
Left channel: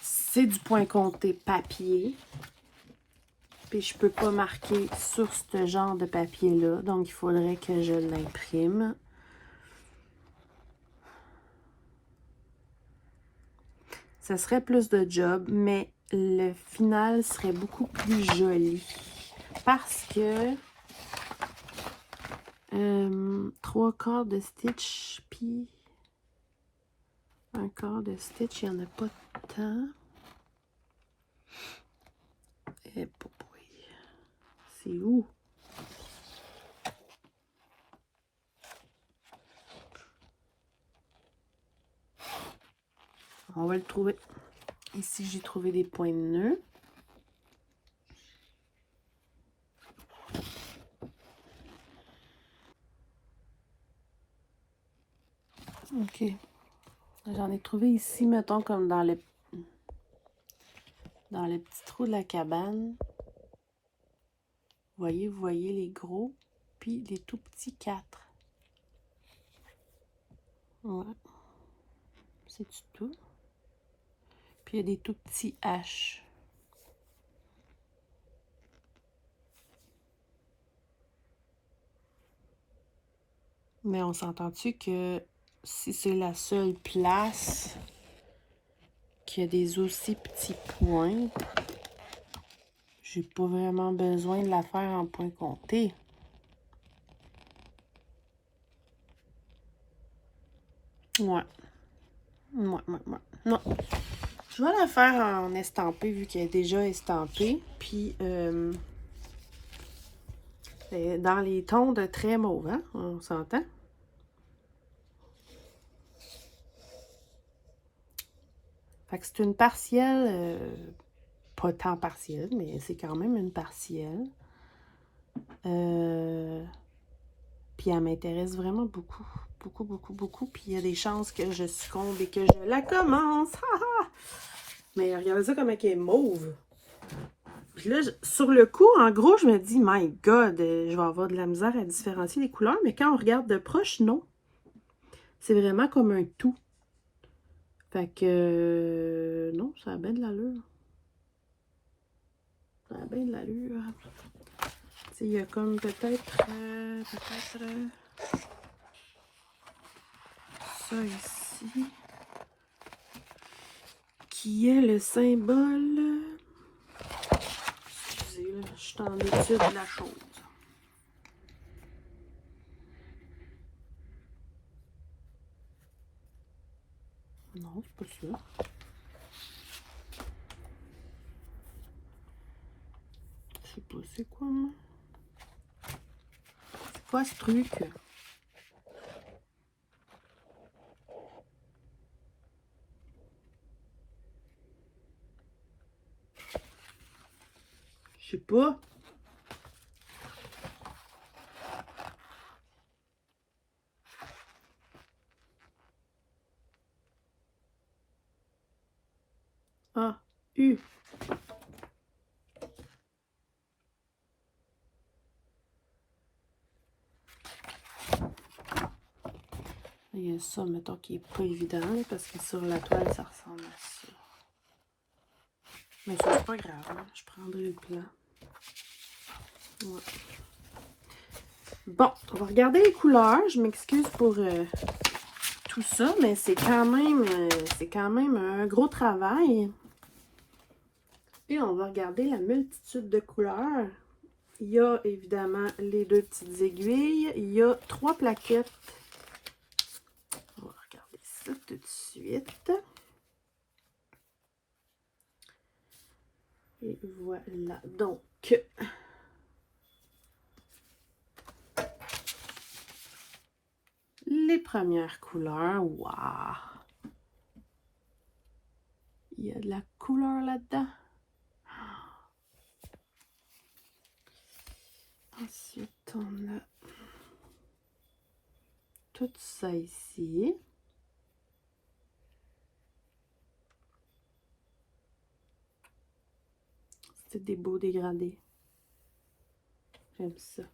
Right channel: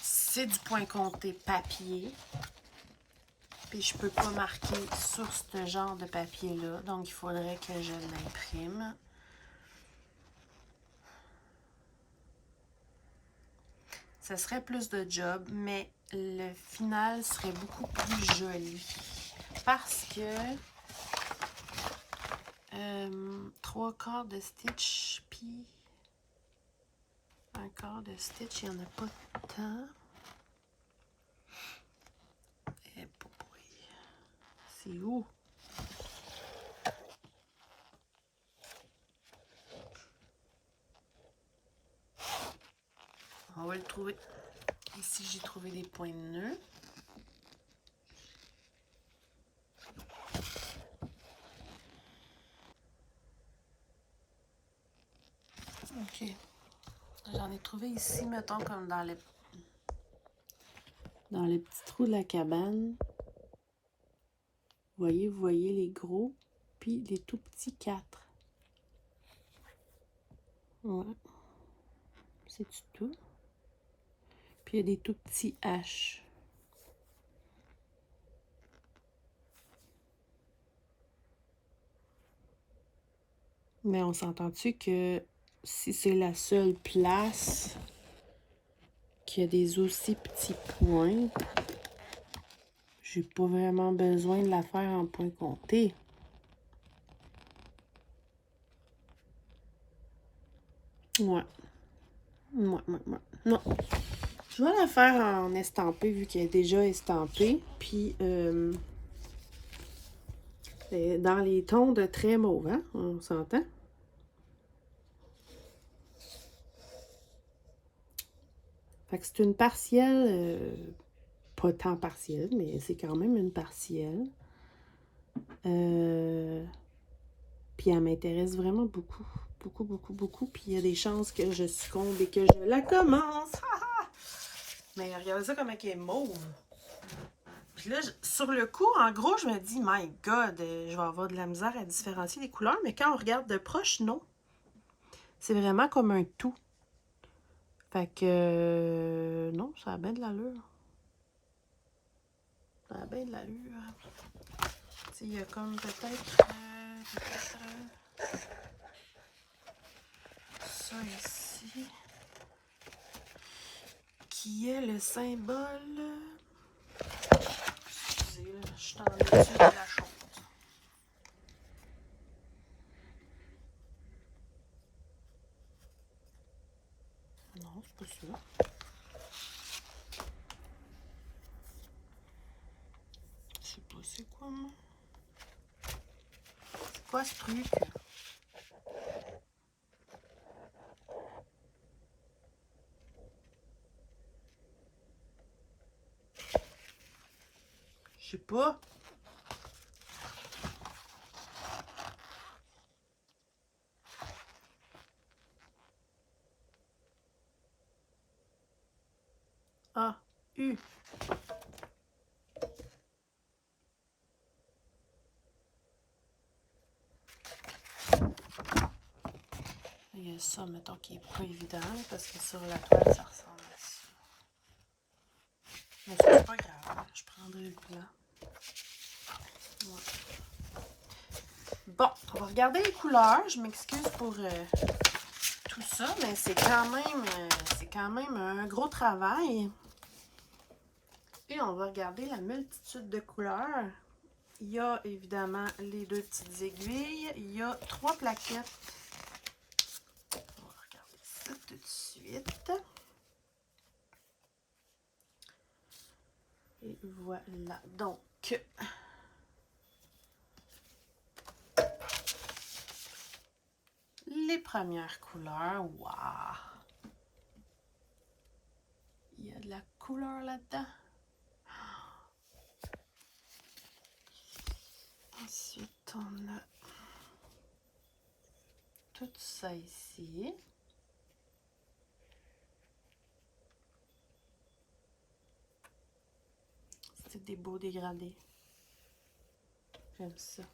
c'est du point compté papier. Puis je peux pas marquer sur ce genre de papier-là. Donc, il faudrait que je l'imprime. Ça serait plus de job, mais le final serait beaucoup plus joli. Parce que 3 quarts de stitch, puis 1 quart de stitch, il n'y en a pas tant. Et c'est où? On va le trouver. Ici, j'ai trouvé des points de nœud. OK. J'en ai trouvé ici, mettons, comme dans le petit trou de la cabane. Vous voyez les gros, puis les tout petits 4. Ouais. C'est tout. Puis il y a des tout petits H. Mais on s'entend-tu que si c'est la seule place qu'il y a des aussi petits points, j'ai pas vraiment besoin de la faire en point compté. Ouais. Non. Je vais la faire en estampé vu qu'elle est déjà estampée. Puis, dans les tons de très mauve, hein? On s'entend? Fait que c'est une partielle, pas tant partielle, mais c'est quand même une partielle. Puis elle m'intéresse vraiment beaucoup. Beaucoup. Puis il y a des chances que je succombe et que je la commence. Mais regardez ça comme elle est mauve. Puis là, sur le coup, en gros, je me dis, my God, je vais avoir de la misère à différencier les couleurs. Mais quand on regarde de proche, non. C'est vraiment comme un tout. Fait que, non, ça a bien de l'allure. Ça a bien de l'allure. Tu sais, il y a comme peut-être ça ici, qui est le symbole. Excusez, là, je suis en étude de la chose. Non, c'est pas ça. C'est pas, c'est quoi, moi? C'est quoi ce truc? Je sais pas. Ah, U. Il y a ça, mettons, qui est pas évident, là, parce que sur la toile, ça ressemble à ça. Mais ça, c'est pas grave, hein. Je prendrai le plan. Ouais. Bon, on va regarder les couleurs. Je m'excuse pour tout ça, mais c'est quand même un gros travail. Et on va regarder la multitude de couleurs. Il y a évidemment les 2 petites aiguilles. Il y a 3 plaquettes. On va regarder ça tout de suite. Et voilà. Donc, les premières couleurs. Waouh! Il y a de la couleur là-dedans. Ensuite, on a tout ça ici. C'est des beaux dégradés. J'aime ça.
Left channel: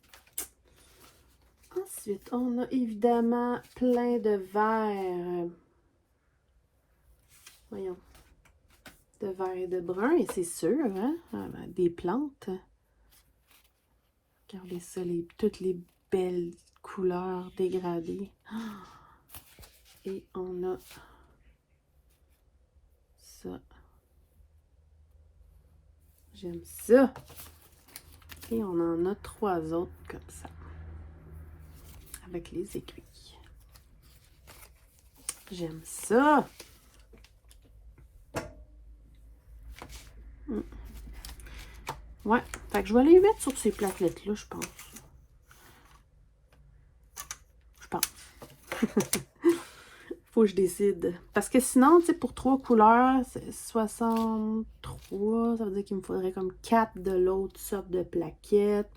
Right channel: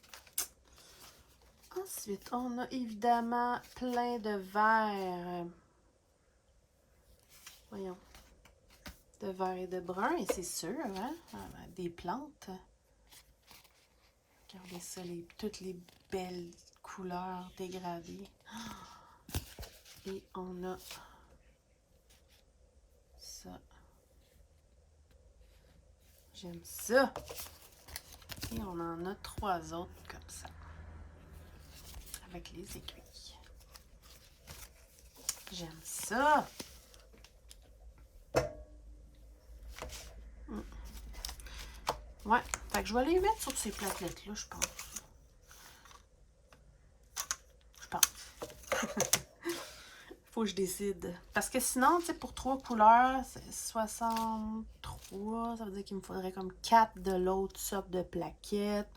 Ensuite, on a évidemment plein de verts. Voyons. De vert et de brun, et c'est sûr, hein? Des plantes. Regardez ça, toutes les belles couleurs dégradées. Et on a ça. J'aime ça. Et on en a 3 autres comme ça. Avec les aiguilles. J'aime ça. Ouais, fait que je vais les mettre sur ces plaquettes-là, je pense. Je pense. Faut que je décide. Parce que sinon, tu sais, pour 3 couleurs, c'est 63. Ça veut dire qu'il me faudrait comme 4 de l'autre sorte de plaquettes.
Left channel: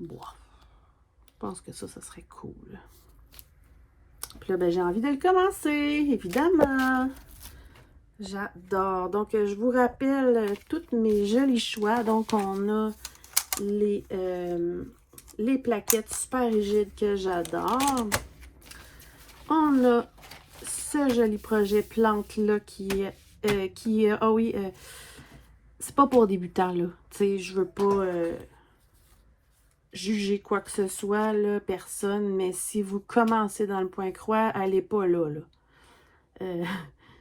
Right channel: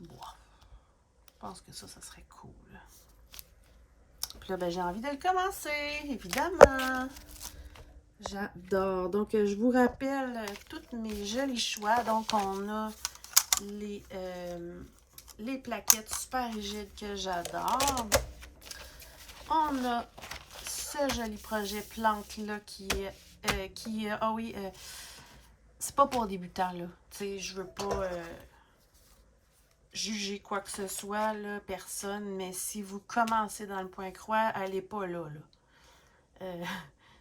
Bon. Je pense que ça serait cool. Puis là, ben, j'ai envie de le commencer, évidemment. J'adore. Donc, je vous rappelle tous mes jolis choix. Donc, on a les plaquettes super rigides que j'adore. On a ce joli projet plante-là qui est... ah oui, c'est pas pour débutants, là. Tu sais, je veux pas juger quoi que ce soit, là, personne. Mais si vous commencez dans le point croix, allez pas là, là.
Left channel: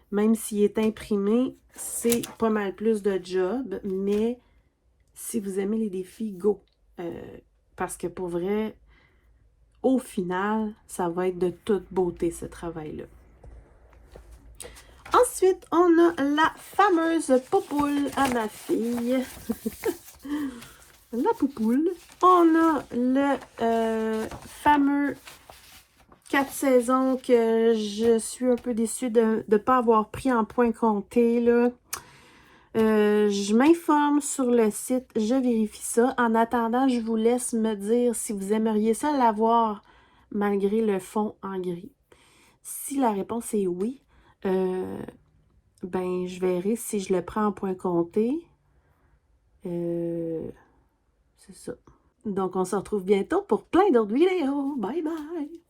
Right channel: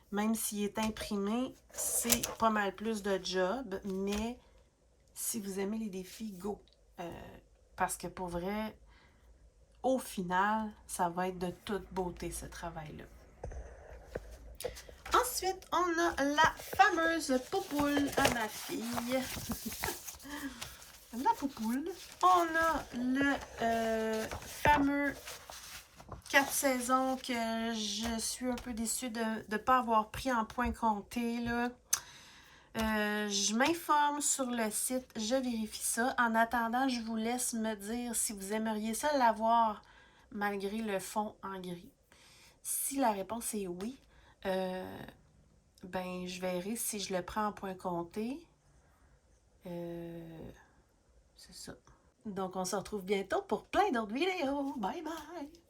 Même s'il est imprimé, c'est pas mal plus de job. Mais si vous aimez les défis, go! Parce que pour vrai, au final, ça va être de toute beauté, ce travail-là. Ensuite, on a la fameuse poupoule à ma fille. La poupoule. On a le fameux 4 saisons que je suis un peu déçue de ne pas avoir pris en point compté, là. Je m'informe sur le site, je vérifie ça. En attendant, je vous laisse me dire si vous aimeriez ça l'avoir malgré le fond en gris. Si la réponse est oui, ben je verrai si je le prends en point compté. C'est ça. Donc, on se retrouve bientôt pour plein d'autres vidéos. Bye bye!